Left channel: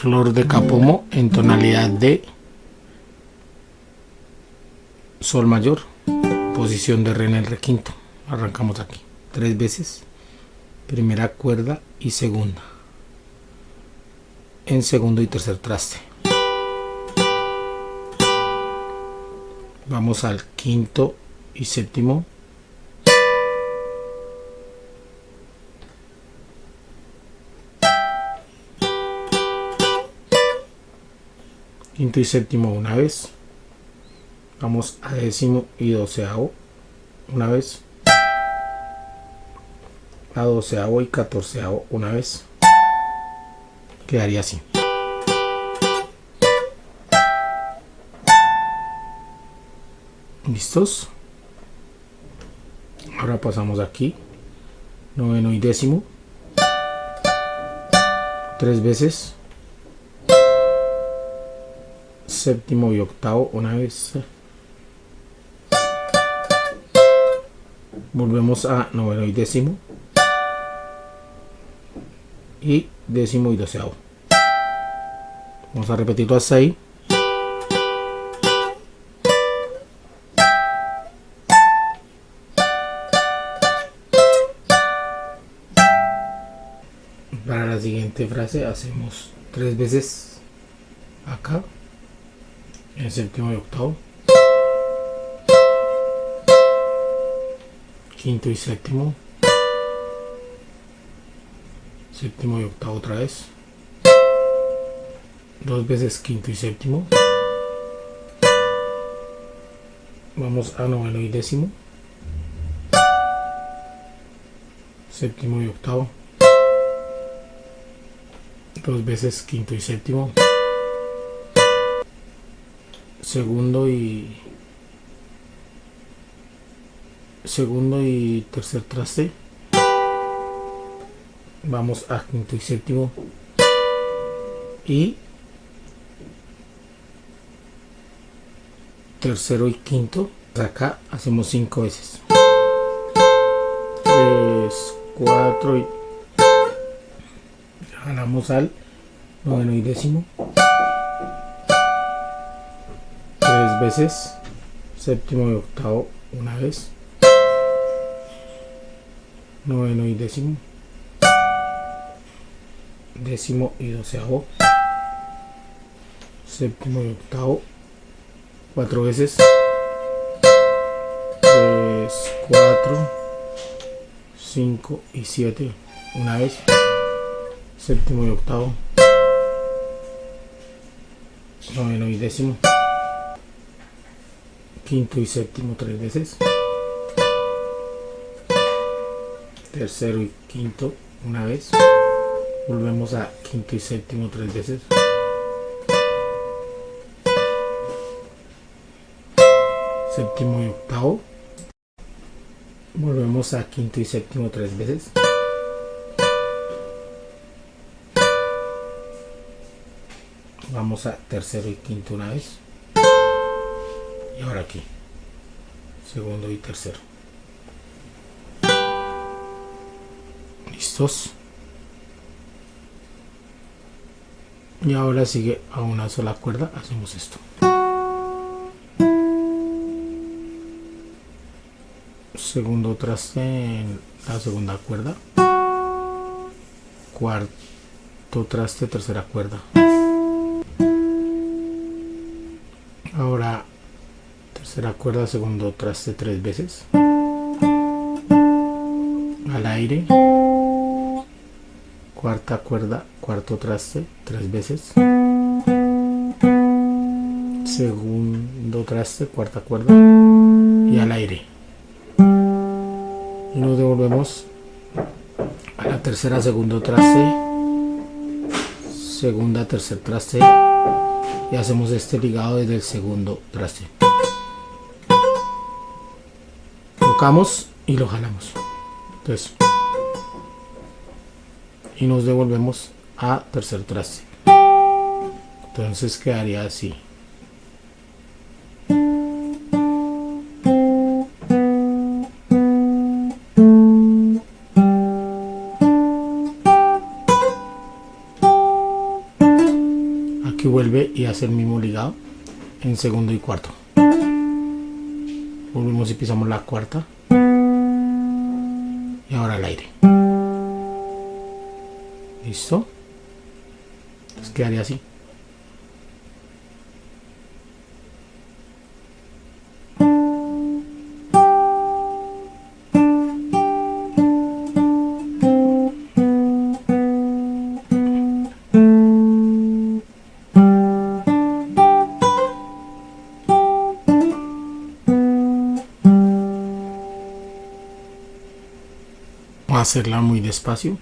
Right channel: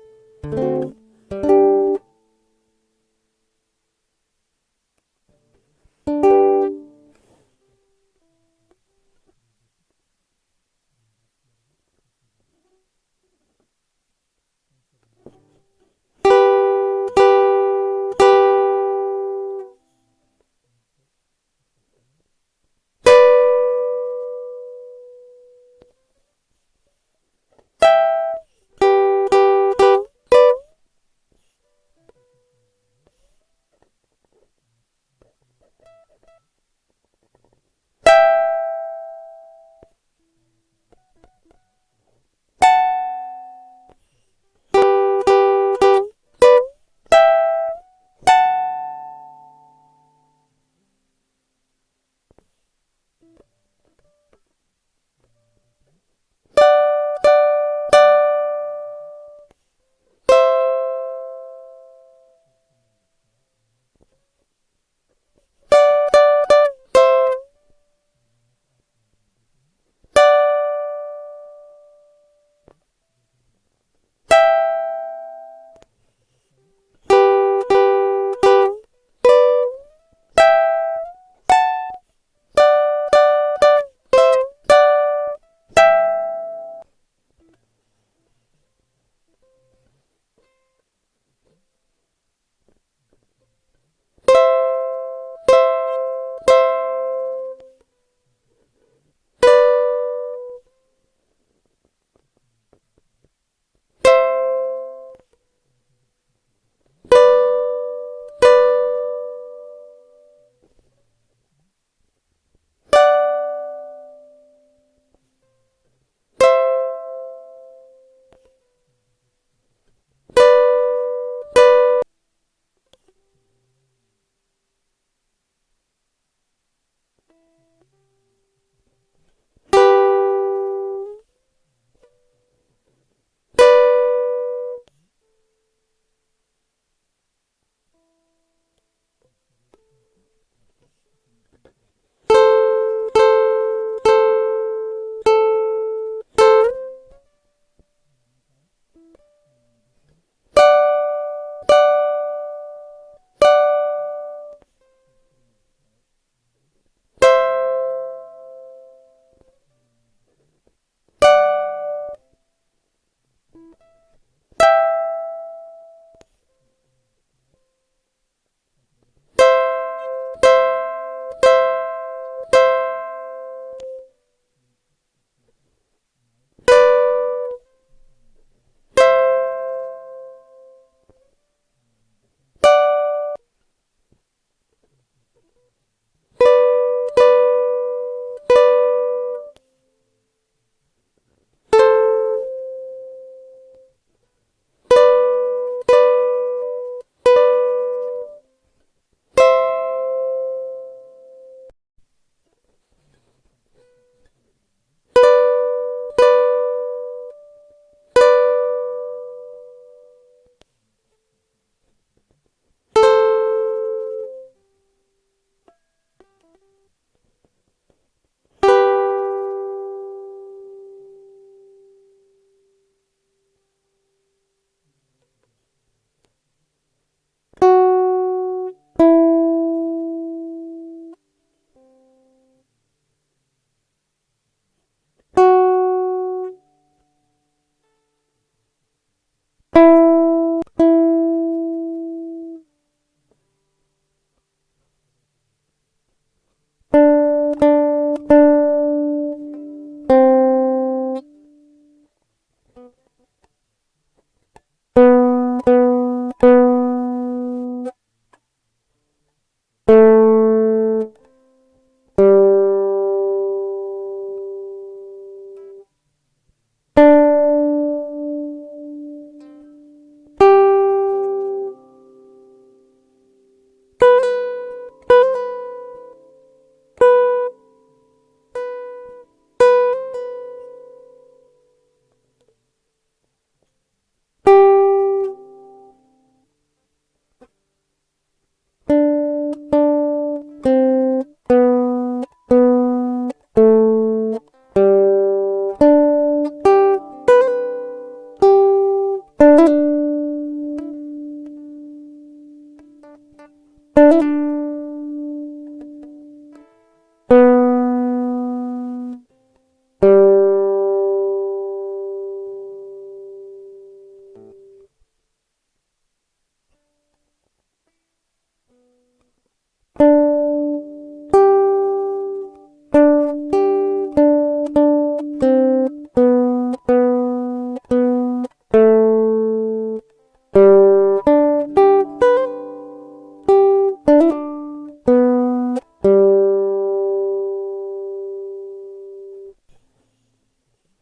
Flor de Capomo en tonalidad de sol mayor, posición de re en el re quinto. Arrancamos aquí 3 veces, primera cuerda y segunda, en segundo y tercer traste. Vamos al quinto y séptimo, quinto y séptimo una vez, vamos a décimo y doceavo una vez, a doceavo y catorceavo una vez. Quedaría así. ¿Listos? Ahora pasamos aquí, noveno y décimo, 3 veces, séptimo y octavo una vez. Volvemos a noveno y décimo, y décimo y doceavo. Vamos a repetirlo hasta ahí. Para la siguiente frase hacemos 3 veces acá, en séptimo y octavo, quinto y séptimo, séptimo y octavo otra vez, 2 veces quinto y séptimo, vamos a noveno y décimo, séptimo y octavo, 2 veces quinto y séptimo, segundo y tercer traste, vamos a quinto y séptimo, y tercero y quinto. Acá hacemos 5 veces, 3, 4 y jalamos al noveno y décimo, 3 veces, séptimo y octavo una vez, noveno y décimo, décimo y doceavo, séptimo y octavo 4 veces, 3, 4, 5 y 7 una vez, séptimo y octavo, noveno y décimo, quinto y séptimo 3 veces, tercero y quinto una vez, volvemos a quinto y séptimo 3 veces, séptimo y octavo, volvemos a quinto y séptimo 3 veces, vamos a tercero y quinto una vez, y ahora aquí segundo y tercero. ¿Listos? Y ahora sigue a una sola cuerda, hacemos esto. Segundo traste en la segunda cuerda, cuarto traste, tercera cuerda. Ahora tercera cuerda, segundo traste 3 veces, al aire, cuarta cuerda, cuarto traste 3 veces, segundo traste, cuarta cuerda y al aire. Y nos devolvemos a la tercera, segundo traste, segunda, tercer traste, y hacemos este ligado desde el segundo traste. Tocamos y lo jalamos. Entonces, y nos devolvemos a tercer traste. Entonces quedaría así. y hace el mismo ligado en segundo y cuarto. Volvemos y pisamos la cuarta y ahora al aire. ¿Listo? Pues quedaría así. Vamos a hacerla muy despacio.